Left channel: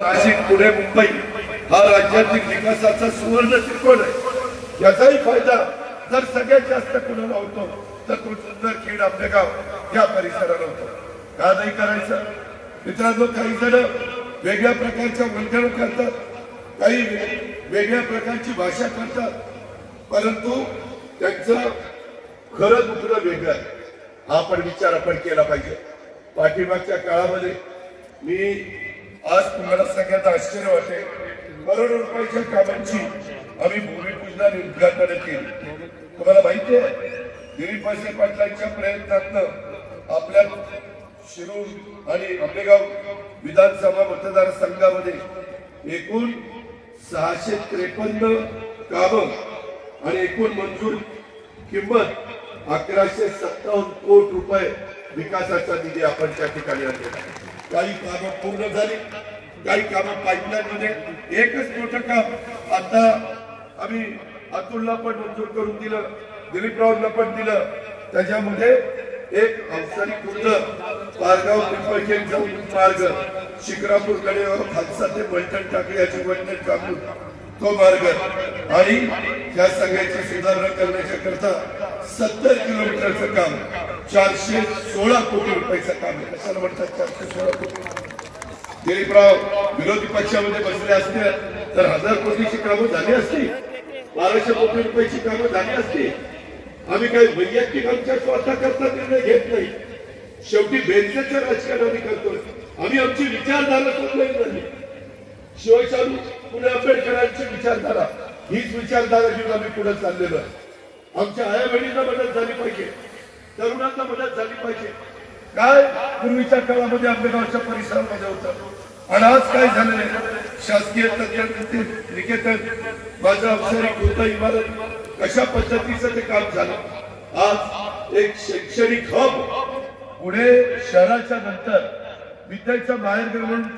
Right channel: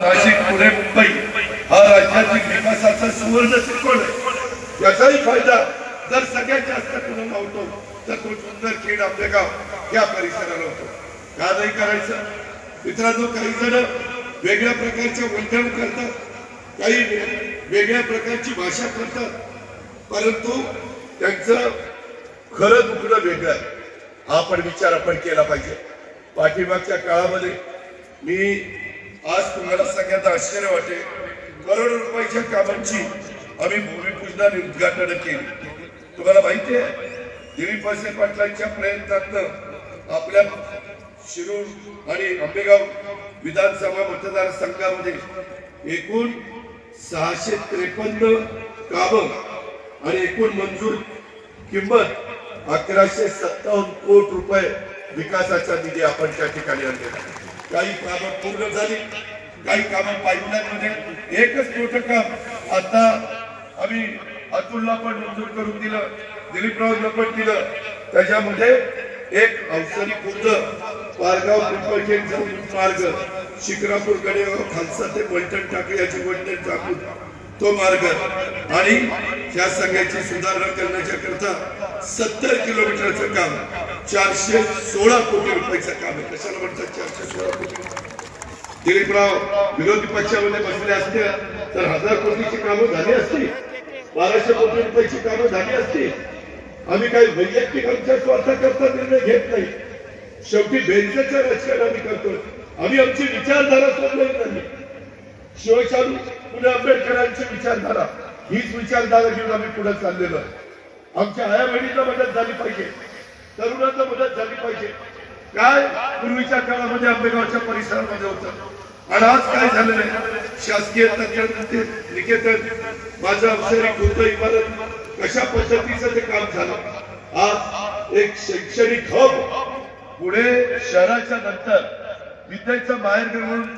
नाशिक पुणे मुंबई हा राज्यातील विकासाचा सुवर्ण त्रिकोण आहे। याचाही फायदा जर सगळ्यात जास्त कोणाला होतो तर सुंदर खेड आंबेगाव या परिसराला होतो। का नाही करायचं मित्रांनो? काही जण वेगळ्या प्रकारच्या वर्तणूक करतात, काही वेगळ्या प्रकारची भाषा करतात, परंतु त्यांचं खरं दुखणं वेगळं आहे। हा पण विचार आपण केला पाहिजे। पाठीमागच्या काळामध्ये मी आज तुम्हाला सगळ्यांना आश्चर्य वाटेल, करोडो रुपयाच्या कामांची आम्ही भूमिपूजनाने उद्घाटन केली। तुम्हाला माहिती आहे दिलीप वळसे पाटलांच्या प्रयत्नातून आपल्या शिरूर आणि आंबेगाव विधानसभा मतदारसंघामध्ये एकूण 653 कामं आणि एकूण मंजूर किंमत 1157 कोटी रुपये विकासाचा निधी आपण त्या ठिकाणी आणलेला आहे। काही कामं पूर्ण झाली, काही कामं पाईपलाईनमध्ये। एकच मोठं काम आता आम्ही अतुलला पण मंजूर करून दिलं, दिलीपरावला पण दिलं। त्याच्यामध्ये एक अवसरी खुर्द पारगाव पिंपळखेड जाऊन मार्ग, शिक्रापूर कडेगाव खालसा ते पैठण टाकले याची वैठण टाकून तो मार्ग आणि या सगळ्याची सुधारणा करण्याच्या करता 70 किलोमीटरचं काम 416 कोटी रुपयाचं काम आहे। कशाला म्हणतात 416 कोटी? दिलीपराव विरोधी पक्षामध्ये बसले असते तर 1000 कोटीची कामं झाली असती, 1200 कोटी रुपयाची कामं झाली असती। आम्ही काही वैयक्तिक आमच्या स्वार्थाकरता निर्णय घेत नाही, शेवटी बेंचचं राजकारण आम्ही करतो। आम्ही आमची विचारधारा सोडलेली नाही। शिवशाहू फुले आंबेडकरांची विचारधारा हीच विचारधारा घेऊन आम्ही पुढे चाललेलो आहे। आमच्या आया बहिणींना मदत झाली पाहिजे, तरुणांना मदत झाली पाहिजे। काय पूर्वीच्या काळामध्ये आंबेगावच्या परिसरामध्ये होतं आणि आज काय झालेलं आहे? शासकीय तज्ञ निकेतन माझं अवसरी खुर्द इमारत कशा पद्धतीचं ते काम झालं। आज एक शैक्षणिक हब पुणे शहराच्या नंतर विद्येचं माहेरघर म्हणून